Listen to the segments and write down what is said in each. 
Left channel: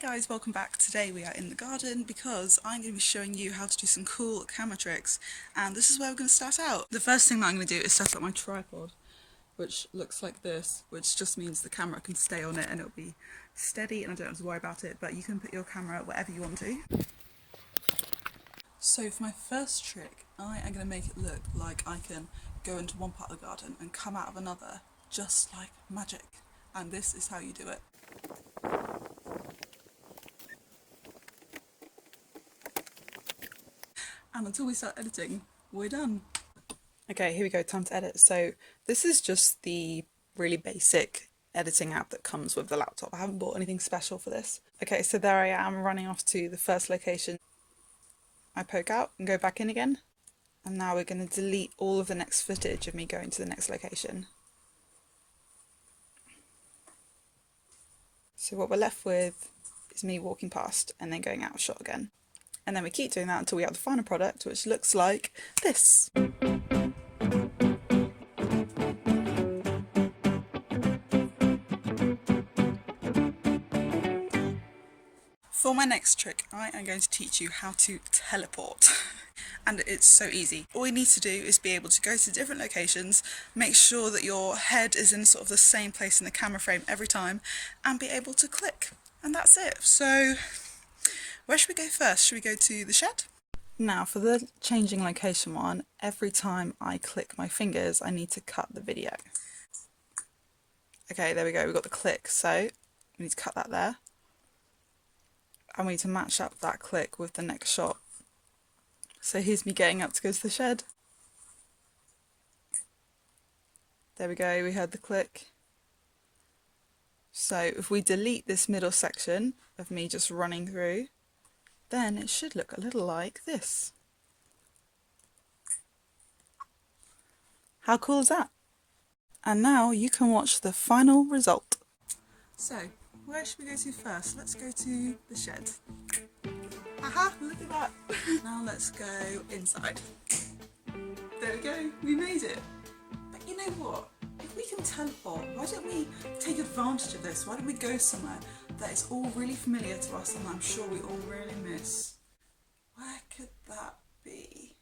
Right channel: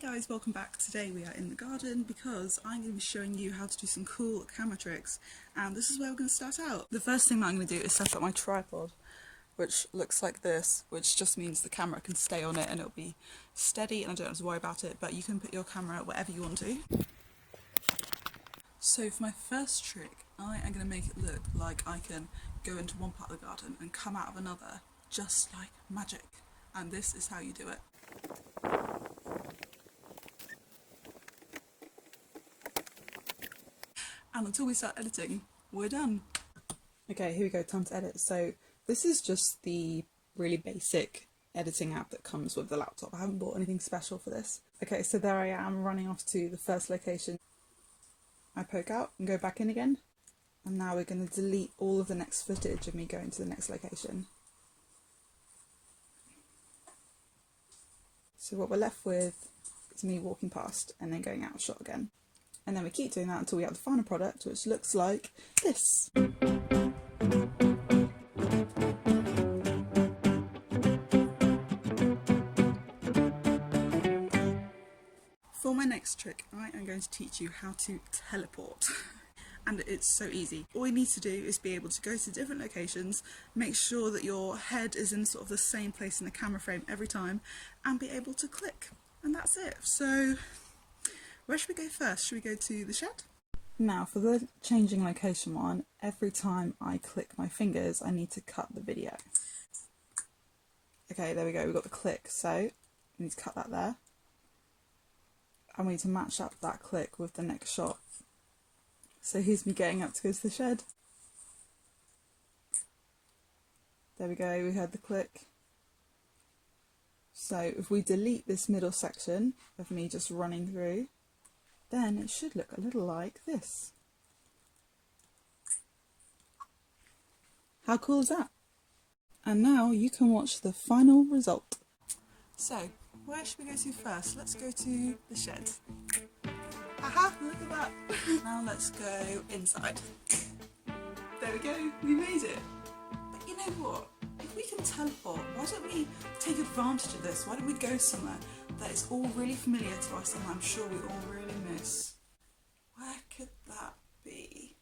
Hey guys, welcome back. Today we are in the garden because I'm going to be showing you how to do some cool camera tricks, and this is where we're going to start out. The first thing that I'm going to do is set up my tripod, which looks like this, which just means the camera can stay on it and it'll be steady and I don't have to worry about it, but you can put your camera wherever you want to. So for my first trick, I am going to make it look like I can go into one part of the garden and come out of another, just like magic. And this is how you do it. And until we start editing, we're done. Okay, here we go, time to edit. So this is just the really basic editing app that comes with the laptop. I haven't bought anything special for this. Okay, so there I am running off to the first location. I poke out and go back in again. And now we're going to delete all of the next footage of me going to the next location. So what we're left with is me walking past and then going out of shot again. And then we keep doing that until we have the final product, which looks like this. For my next trick, I am going to teach you how to teleport. And it's so easy. All you need to do is be able to go to different locations, make sure that your head is in sort of the same place in the camera frame every time, and be able to click. And that's it. So where should we go first? Should we go to the shed? Now for the changing location one, every time I click my fingers, I need to cut the video. Okay, there we go, we've got the click, so we need to cut that there. And we need to match up that click with the next shot. So here's me getting up to go to the shed. There we go, we heard the click. So if we delete this middle section of me just running through, then it should look a little like this. How cool is that? And now you can watch the final result. So, where should we go to first? Let's go to the shed. Aha, look at that. Now let's go inside. There we go, we made it. But you know what? If we can teleport, why don't we take advantage of this? Why don't we go somewhere that is all really familiar to us and I'm sure we all really miss? Where could that be?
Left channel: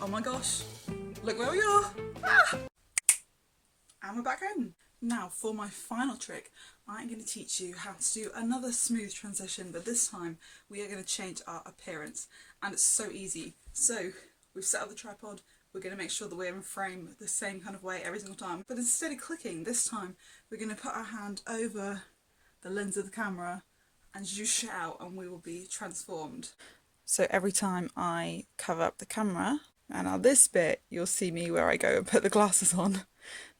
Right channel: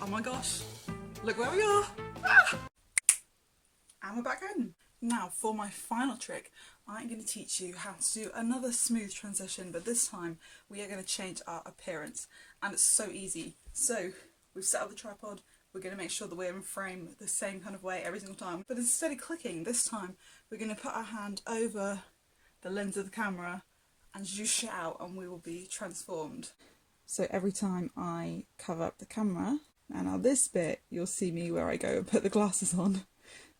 Oh my gosh, look where we are! Ah! And we're back home. Now for my final trick, I'm going to teach you how to do another smooth transition, but this time we are going to change our appearance, and it's so easy. So we've set up the tripod, we're going to make sure that we're in frame the same kind of way every single time, but instead of clicking, this time we're going to put our hand over the lens of the camera and you shout and we will be transformed. So every time I cover up the camera, and on this bit you'll see me where I go and put the glasses on,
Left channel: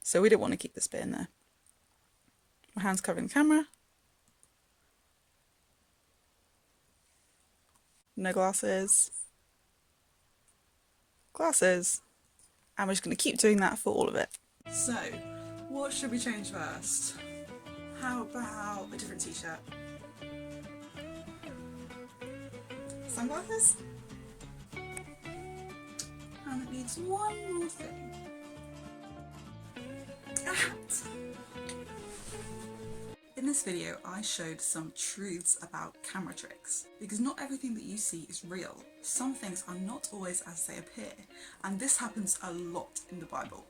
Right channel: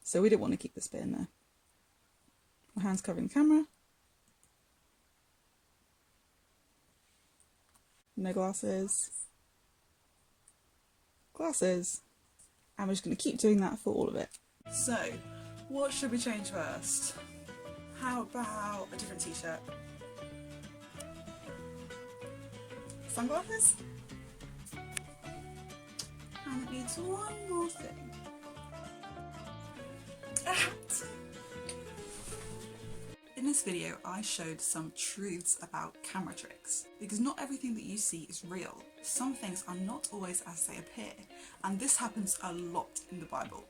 so we don't want to keep this bit in there. My hand's covering the camera. No glasses. Glasses. And we're just going to keep doing that for all of it. So, what should we change first? How about a different t-shirt? Sunglasses? And it needs one more thing. In this video, I showed some truths about camera tricks, because not everything that you see is real. Some things are not always as they appear, and this happens a lot in the Bible.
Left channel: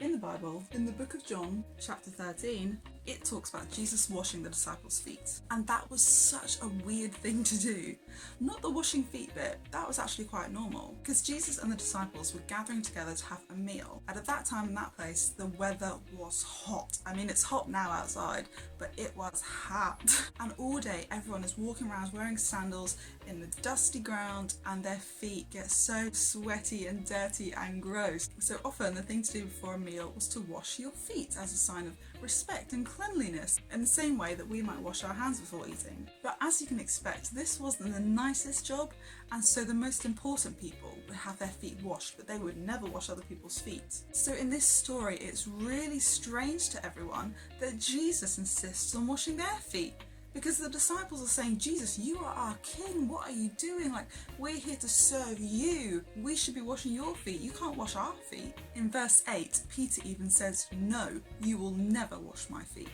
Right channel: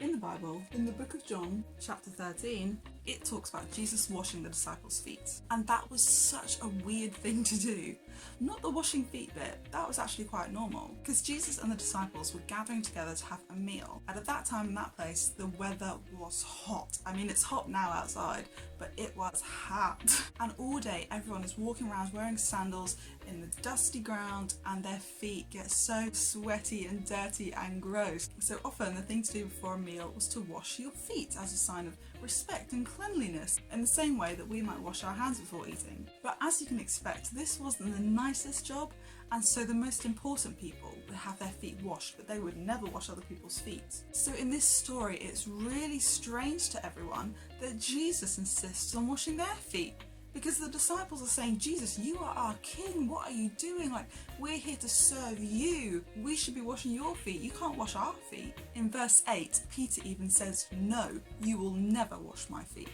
In the Bible, in the book of John, chapter 13, it talks about Jesus washing the disciples' feet. And that was such a weird thing to do. Not the washing feet bit, that was actually quite normal, because Jesus and the disciples were gathering together to have a meal. And at that time in that place, the weather was hot. I mean, it's hot now outside, but it was hot. And all day, everyone is walking around wearing sandals in the dusty ground, and their feet get so sweaty and dirty and gross. So often the thing to do before a meal was to wash your feet as a sign of respect and cleanliness, in the same way that we might wash our hands before eating. But as you can expect, this wasn't the nicest job, and so the most important people would have their feet washed, but they would never wash other people's feet. So in this story, it's really strange to everyone that Jesus insists on washing their feet, because the disciples are saying, Jesus, you are our king, what are you doing? Like, we're here to serve you. We should be washing your feet. You can't wash our feet. In verse 8, Peter even says, no, you will never wash my feet.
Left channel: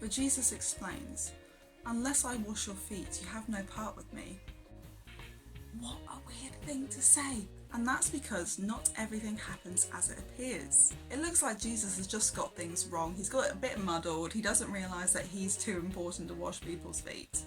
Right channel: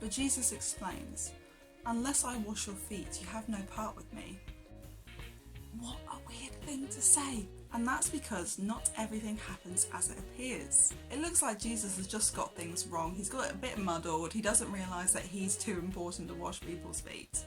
But Jesus explains, Unless I wash your feet, you have no part with me. What a weird thing to say. And that's because not everything happens as it appears. It looks like Jesus has just got things wrong. He's got it a bit muddled. He doesn't realise that he's too important to wash people's feet.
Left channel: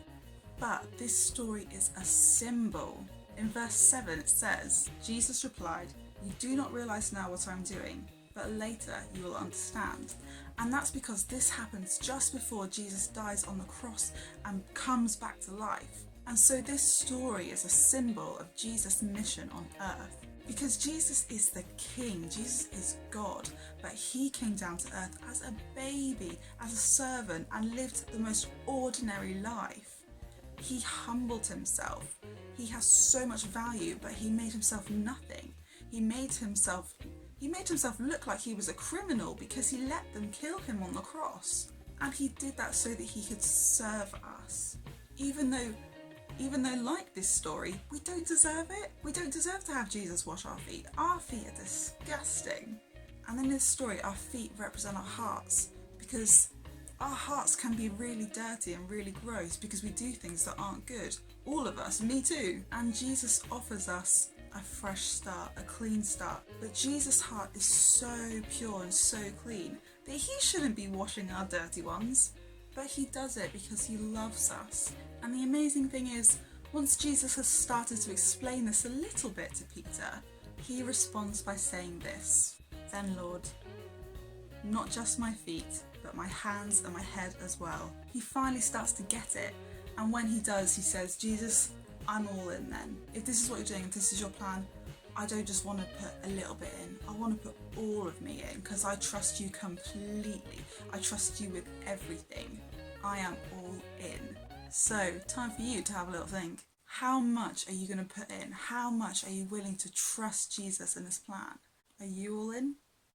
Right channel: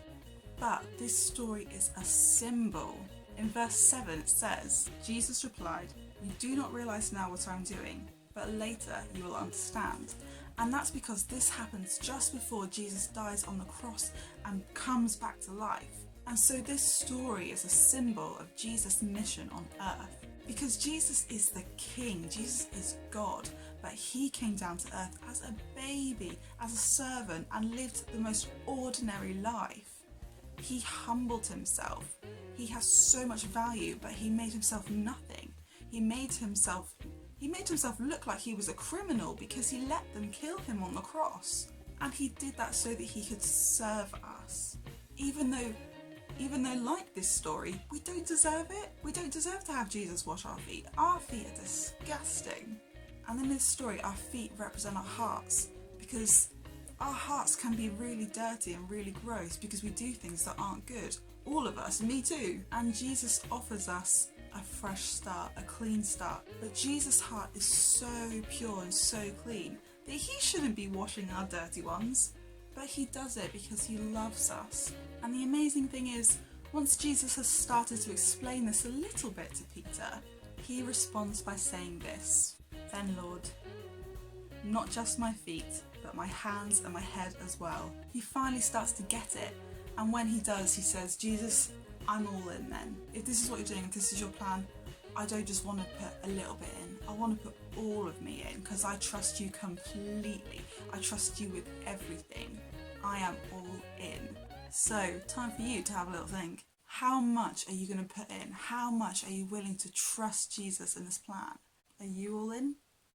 But this story is a symbol. In verse 7 it says, Jesus replied, "You do not realise now what I'm doing, but later you will understand." And that's because this happens just before Jesus dies on the cross and comes back to life. And so this story is a symbol of Jesus' mission on earth. Because Jesus is the King, Jesus is God, but he came down to earth as a baby, as a servant, and lived the most ordinary life. He humbled himself. He has so much value, but he made himself nothing. He made himself look like he was a criminal because he let them kill him on the cross. And he did that so that he could serve us. Even though like this story, we don't deserve it. We don't deserve to have Jesus wash our feet. Our feet are disgusting. And in this story, our feet represent our hearts, because our hearts can be really dirty and really gross because we do things that aren't good. All of us, me too. And Jesus offers us a fresh start, a clean start. But Jesus' heart is so pure and so clean that he shouldn't be washing our dirty ones. But he does it because he loves us. And the amazing thing is, once Jesus has started to explain this a little bit to Peter, he responds by saying this, "Then Lord, not just my feet, but my hands and my head as well." He finally starts to get it. And when he does, he says, "Jesus, I'm all in then. If this is what you're doing, if this is your plan, I don't just want to put a little bit in. I want to put all of me in, because I trust you completely. I trust you with everything. I am all in." So, time for you to have a little think. How much are you going to put in? How much are you willing to trust Jesus in this plan? Are you all in?